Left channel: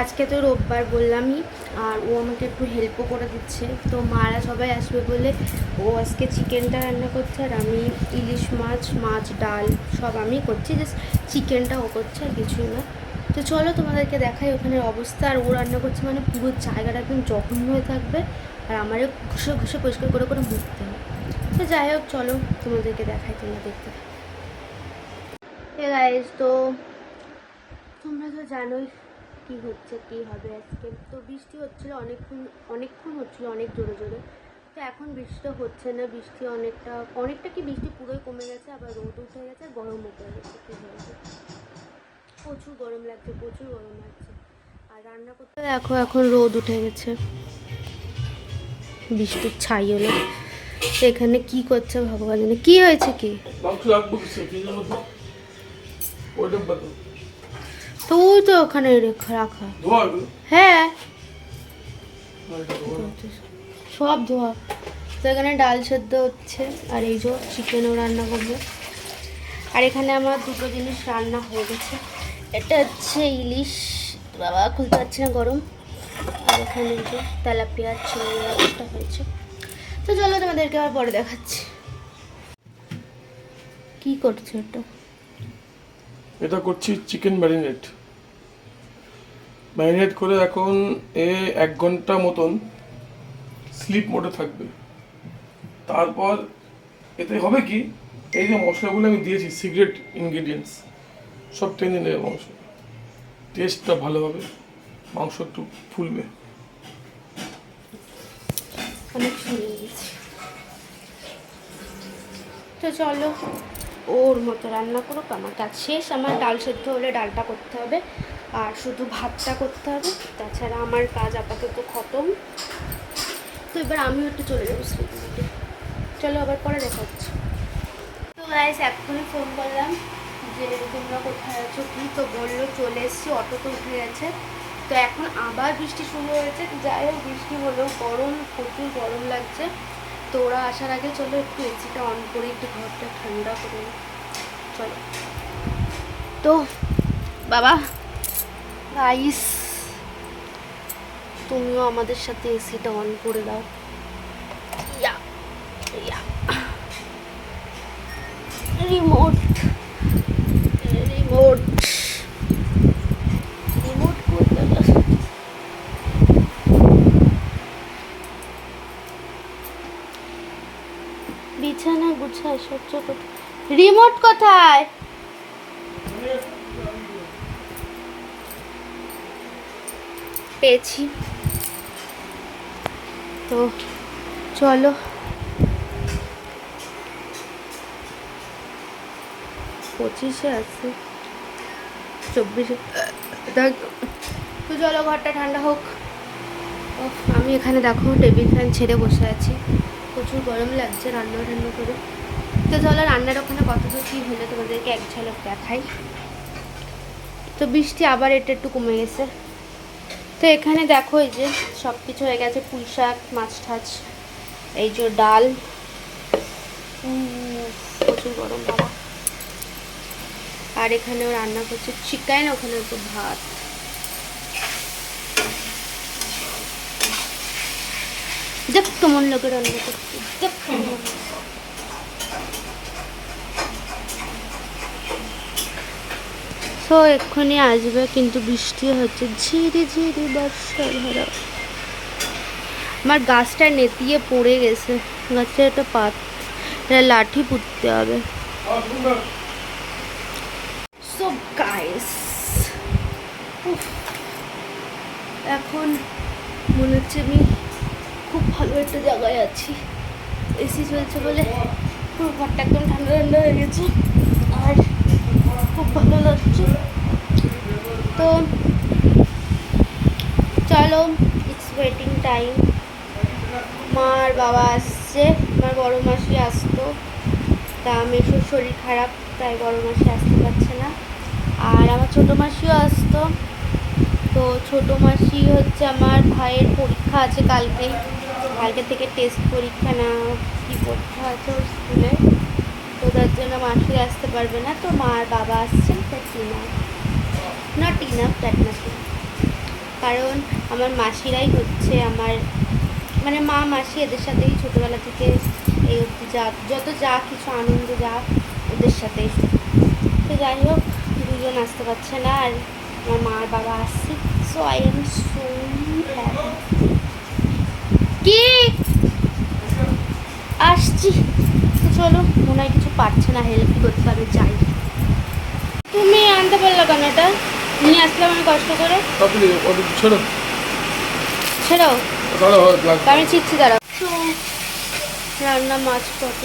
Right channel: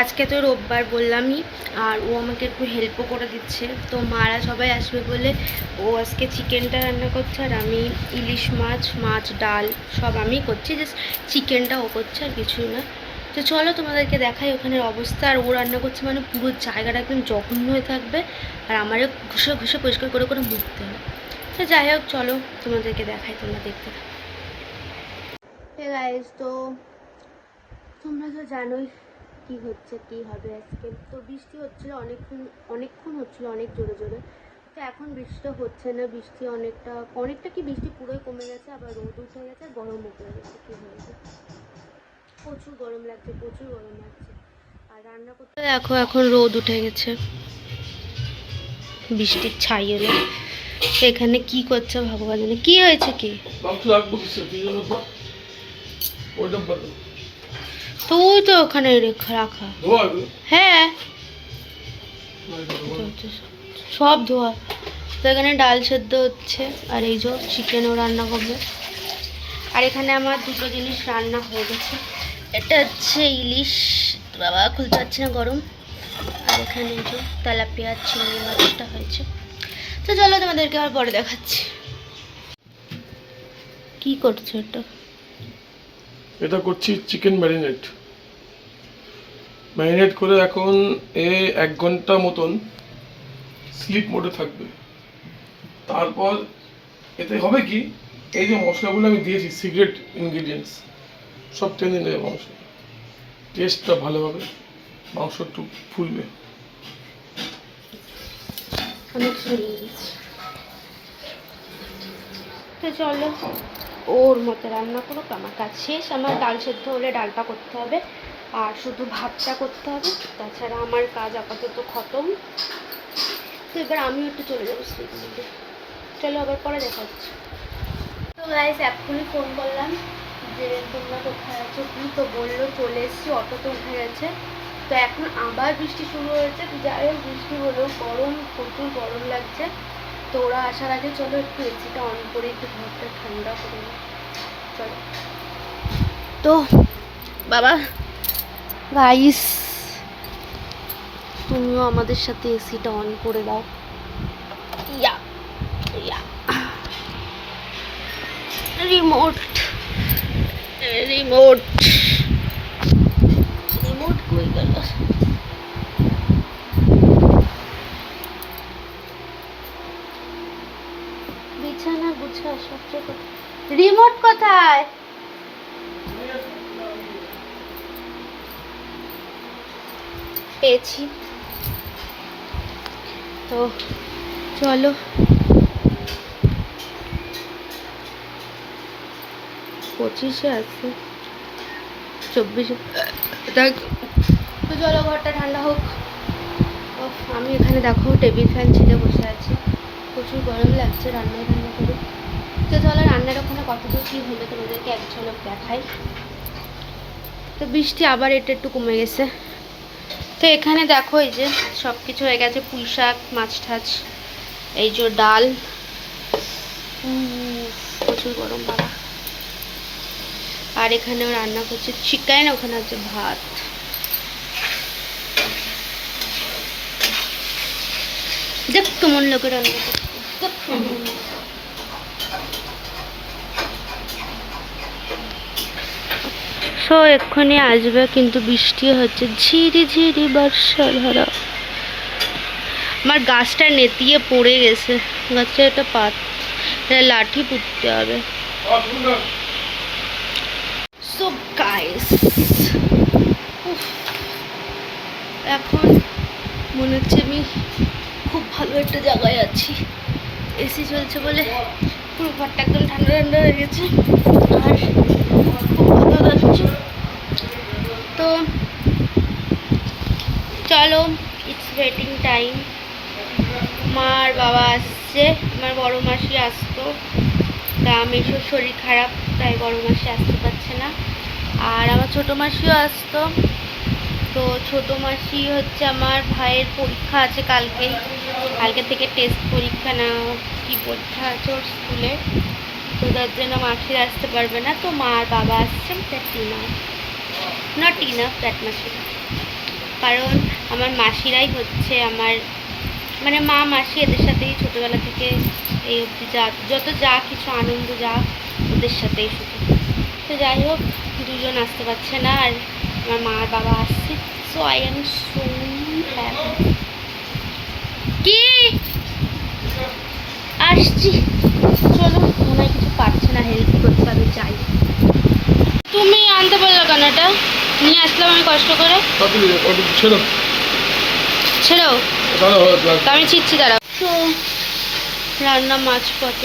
আজকে তো রোববার বললামই, আর ও আমাকে একটু হেল্পও করে দিচ্ছে। তো মারা সবাই আসবে বলে ও আজকে চিকেনটা রান্না করছে, আর আমি ইলিশ মাছ ডাল সব আমি করছি, জাস্ট চিকেনটা ও করছে আর কিছুই না। তো চলো তোমাদেরকে দেখাই ওখানের অবস্থা। আর ও রান্না করছে মানে পুরো জায়গাটা একদম জঘন্য হয়ে থাকবে, আর আমারও ঘষে ঘষে পরিষ্কার করে করে মুছতে হবে। তো যাই হোক চলো তোমাদেরকে দেখাই, তোমরা দেখতে থাকো। গাইস, তো তোমরা তো জানোই কি হচ্ছে কি হবে আজকে। তো বৃষ্টি হচ্ছিল অনেকক্ষণ হচ্ছিল, অনেক জোরে জোরে। তো এখন বৃষ্টিটা হচ্ছে না, বৃষ্টি অনেকটা কি বৃষ্টি পুরোই কমে গেছে, আবার রোদ উঠে গেছে, গরমও পড়ে গেছে। কি হয়েছে, প্রচুর গরম লাগছে। আর রান্না করতে দেখো এখন রোদ উঠে গেছে, বৃষ্টির ছাই হলো। এখানে কি করছে ভগবান জানে। কি হয়েছে কি? তো ওই তো ওখানে রাখা। হ্যাঁ, সব ধোয়া। তো এখানে ডাল সেদ্ধ হচ্ছে, আর এই যে চিকেনও রান্না করবে। আর এখানে আমার দুটো জিনিস রান্না হয়ে গেছে। এটা হচ্ছে ইলিশ, বাবা খুলতে পারছি না, গরম। আর এখানে এই যে তেলাপিয়া চিংড়ি মাছটা হয়েছে। তো চলো তোমাদেরকে আবার পরে দেখাচ্ছি। কি করছো এটা করছি চিকেন ম্যারিনেট করে এখন 1 ঘন্টা মতন স্লিপ মোডে থাকবে। তারপর এতে হবে কি, এই যে মশলাগুলো আমি দিয়েছি সিক্রেট ইনগ্রিডিয়েন্টস সব টেনে নেবে মাংস, টেস্টটা ভালো হবে, মাংস একটু ফুলবে। অনেক শুনিয়ে দিচ্ছি। তো চলো ওর মতো রান্না করুক, আমার কাজ শেষ। আমার ডাল সেদ্ধ হলে ডালটা করতে হবে, আর শুধু ভাতটা করতে হবে। তাছাড়া আমার কাজ আপাতত খতম। তো এবার আমিও একটু চলে যাবো স্কুলের দিকে। চলো আবার পরে দেখা হচ্ছে। তো গাইস, এক্ষুনি ফোন করলাম যে তোমরা কোথায় আছো কি, তো বললো চলে এসেছি, অটোতে উঠে গেছে। তো এখন আবার বৃষ্টি শুরু হয়েছে। যাই হোক, বৃষ্টি হলেও গরম, প্রচুর গরম লাগছে। তো ওরা আসার আগে চলো একটু এসিটা অন করে একটু ঘরটা ঠান্ডা করে নিই। চলো। তো বাবা গাইস, তুমিও আমাদের সাথে এসিটা অন করে দাও। ইয়া ইয়া রিমোট রিমোট রিমোট কই গেল? বিছানা গুছায় সব চোখে, রিমোট কোথায়? পেয়েছি। তো চলো, 25-এ আছে, 24-এ দেখ। তো চলো ঘরটা ঠান্ডা হোক। আমি এখানে দেখো টেবিল ফ্যান ছেড়ে বসে আছি, প্রচুর গরম লাগছে রান্না করে। তো চলো রান্নার ওখানে কতদূর কী হলে তোমাদেরকে এক ঝলক দেখাই। তো বৃষ্টি আবার এটা একটু কমে গেছে। তো এখানে দেখো এই যে সব কিছু হয়ে গেছে, পুঁই শাক, মাছ ঠাছ, এই যে ডাল, প্রচুর গরম বাবা। আর এখানেও রান্না করছে চিকেন, ওখানে হচ্ছে ভাত। দেখ কেমন লোকে রান্না করছে, দেখ কেমন। সো এক্ষুনি আসবে, কিন্তু বৃষ্টি হচ্ছে, ঝিরি ঝিরি বর্ষা ধারা। আমার গাছটা নেতিয়ে পড়ে গেছে, গাছে একটা লাঠি পুঁততে হবে। সো গাইস, এখন মনে হচ্ছে আমি খুব ভালো একটা জায়গায় আছি। এসি চলছে বলে পুরো ঘরটা একদম ঠান্ডা ঠান্ডা হয়ে গেছে, আর খুব ভালো লাগছে। তো চলো, ইটস ওয়েটিং টাইম। মা আর বাবা আসছে, আমার বড়ো মাসি আসতো, তা মেসোর শরীর খারাপ, তাই বড়ো মাসি আসতে পারছে না। আর আমার ছোটো মাসিও আসতো। তো ছোটো মাসি হচ্ছে আমার ভাইয়ের পরীক্ষা আছে কালকে থেকে টেস্ট পরীক্ষা, না কি পরীক্ষা আছে ওর স্কুলে, তো তার জন্য মাসি আসতে পারবে না। তো মা আর বাবা আসছেন, টিনা, নট টিনা, প্যাট মাসি। কারণ আমার মাসিরাই হচ্ছে আমার মানে মা মাসি এদের সাথেই ছোটোবেলা থেকে এই অবধি যত যা কিছু আনন্দ যা ওদের সাথেই শুধু। তো যাই হোক, দুজন আসতে পারছে না আর আমার মা আর বাবা আসছে। So I am so happy. কি আসছি, চলো। মনে হয় কিছু পারছে না, হেল্প করতে পারবে, যাই। তুমি আনতে পারলো কেন? এটা নিয়ে আসলাম আমি কষ্ট করে। ছেড়ো ছেড়ো, দাঁড়াও, তো আমি চিচ্ছি, দাঁড়াও। তো রান্না মাছ কত,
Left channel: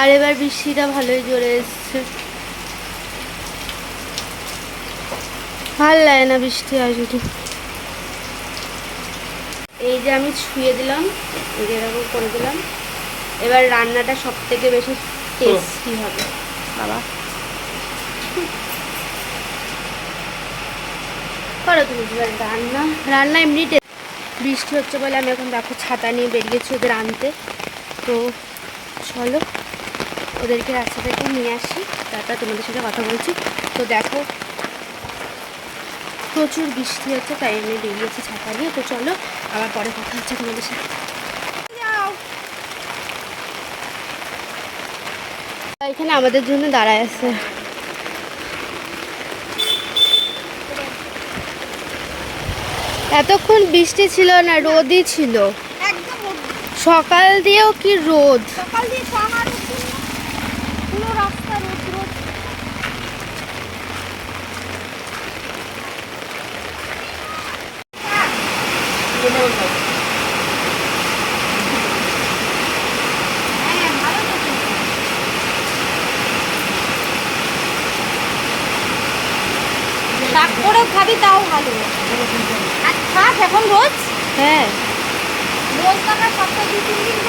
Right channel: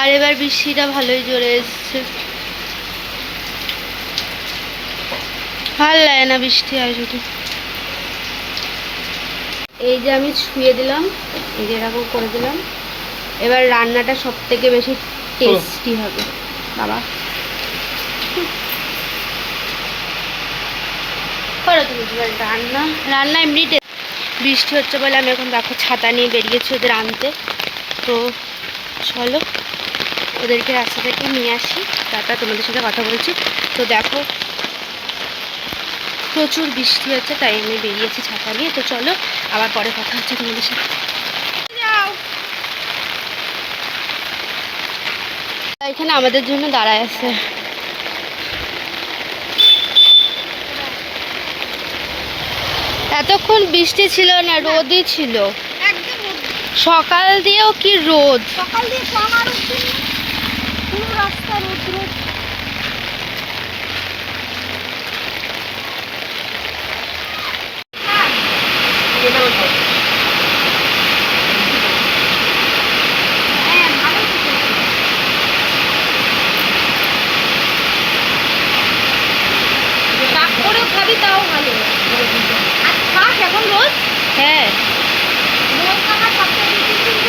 আর এবার বৃষ্টিটা ভালোই জোরে এসছে। ভাল লাগে না বৃষ্টি হয় শুধু। এই যে আমি ছুঁয়ে দিলাম, এই যে এরকম করে দিলাম। এবার রান্নাটা সব থেকে বেশি টেস্টি হবে বাবা। করো তুমি রান্না। রান্না এমনি বৃষ্টি হচ্ছে বলে আমি এখন দেখো ছাতা নিয়ে বেরিয়েছি ওদের আনতে। তো চলো ওদেরকে রাস্তা থেকে নিয়ে আসি, তারপর তোমাদের সাথে কথা বলছি। তো দেখো প্রচুর বৃষ্টি হচ্ছে, তাই আমি বেরিয়েছি ছাতা নিয়ে। তো চলো আবার পরে কথা হচ্ছে তোমাদের সাথে। এখানে আমাদের জন্য দাঁড়ায় আছে। এতক্ষণ বৃষ্টি ছিল না, রোদই ছিল। সকাল দিয়েও কি রোদ। খাবি তাও ভালো। আর থাক এখন রোজ হ্যাঁ, রোজ কাটা সপ্তাহে 2-3 দিন